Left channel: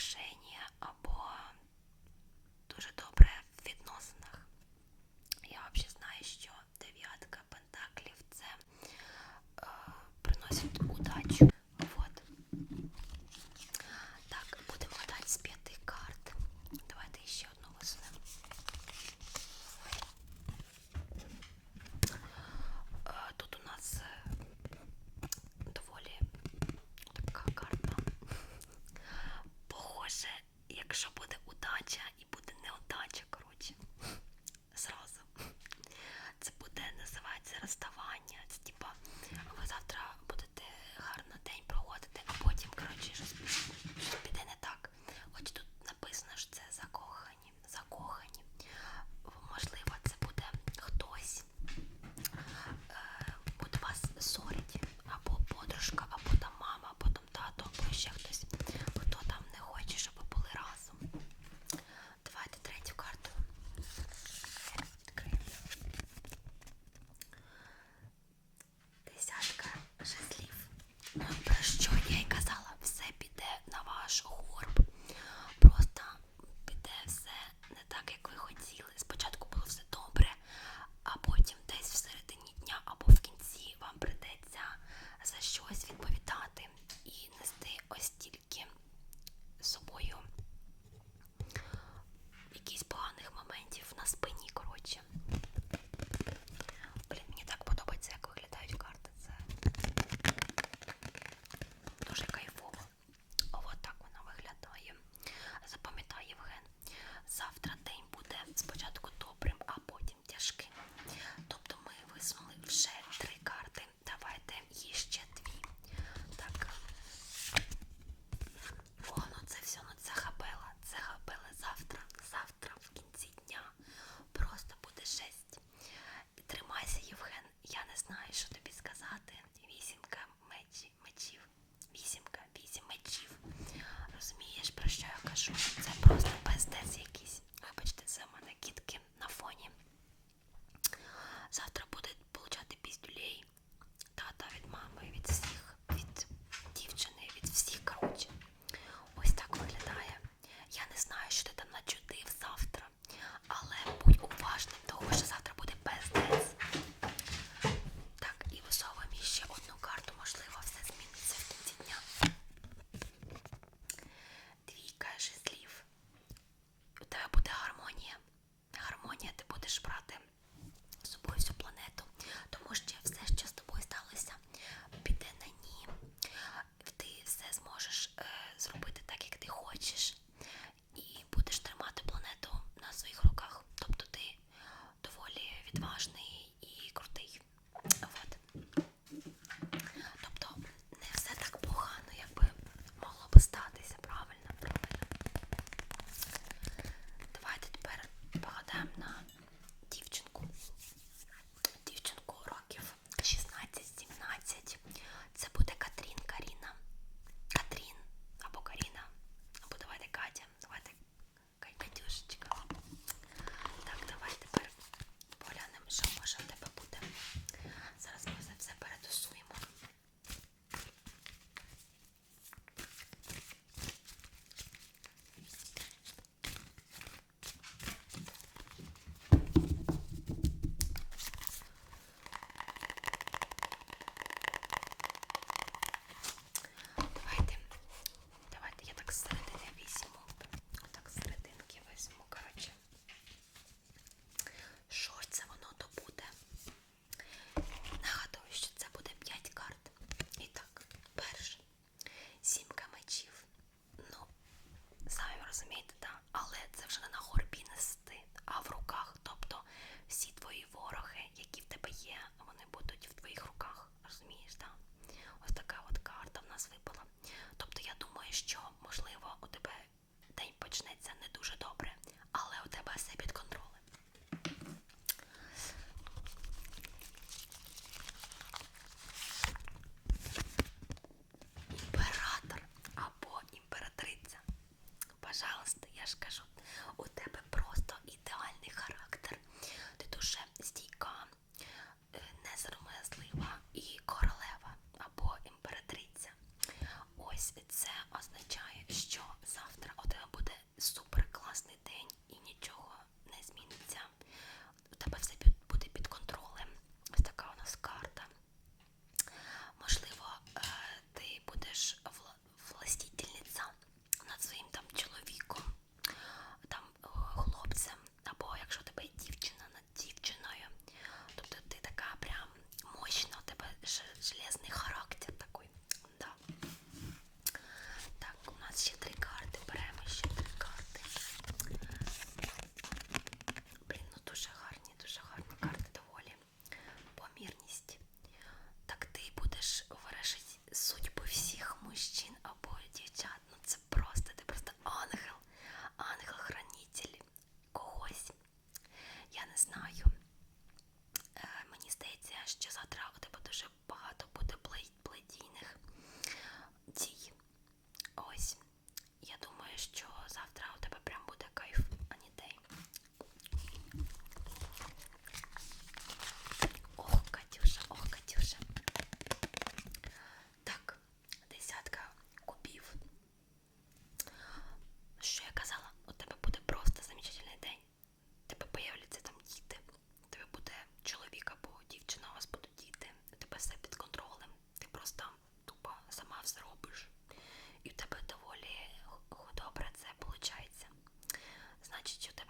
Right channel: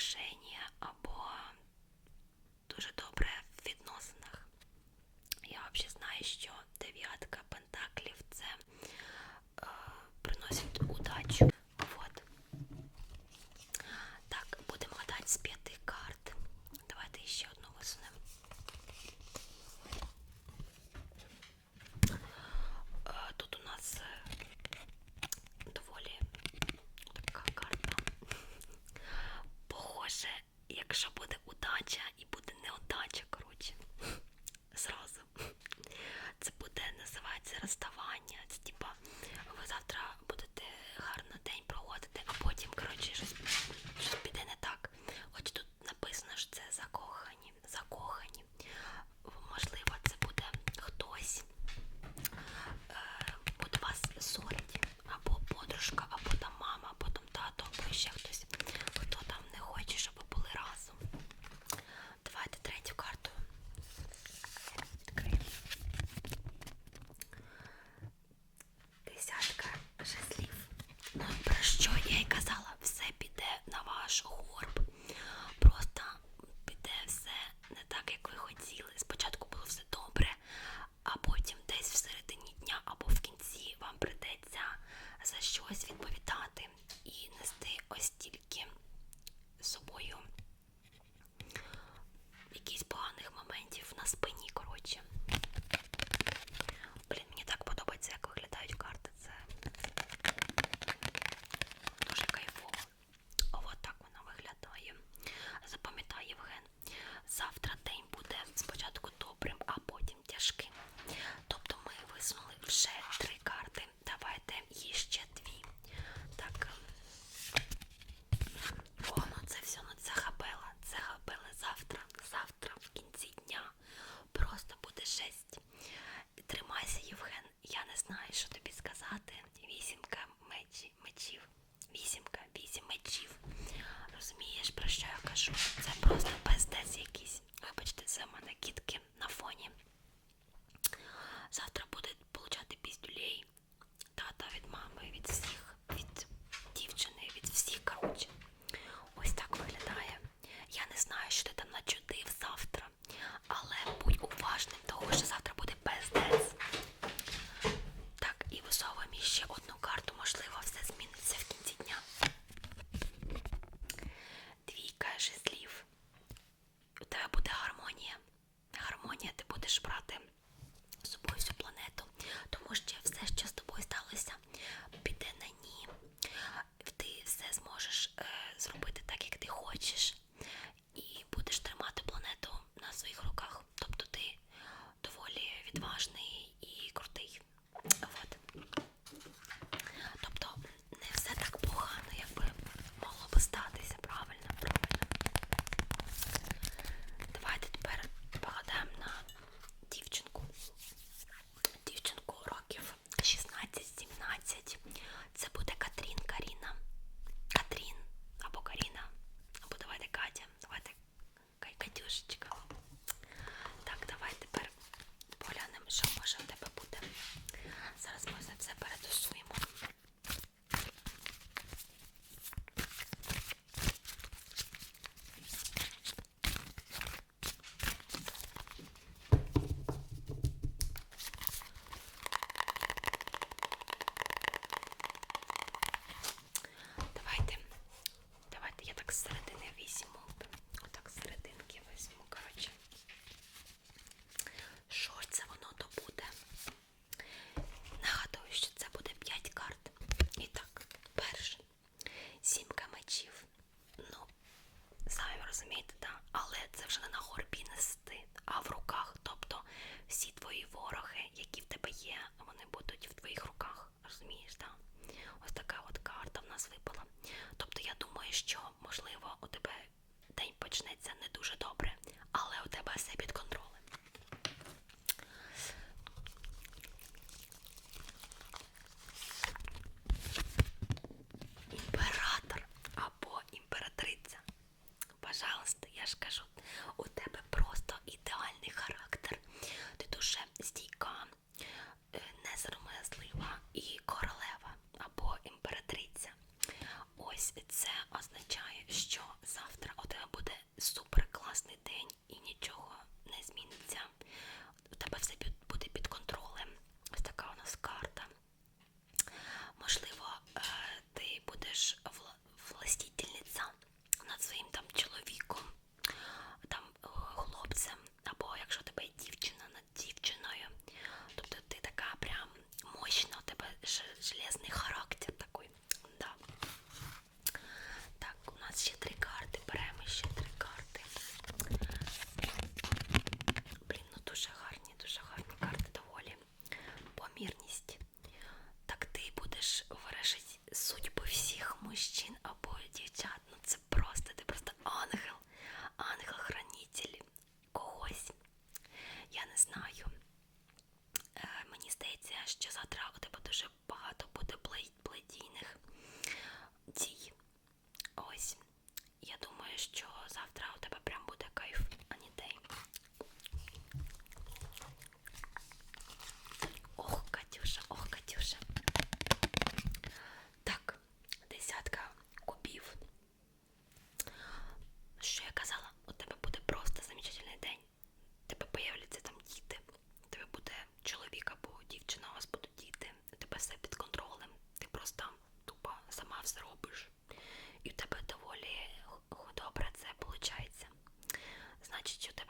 пов- про що завтра у тебе дуже багато буде плетійних сама все робиш. І в тебе доволі добре це виходить. Значить, у тебе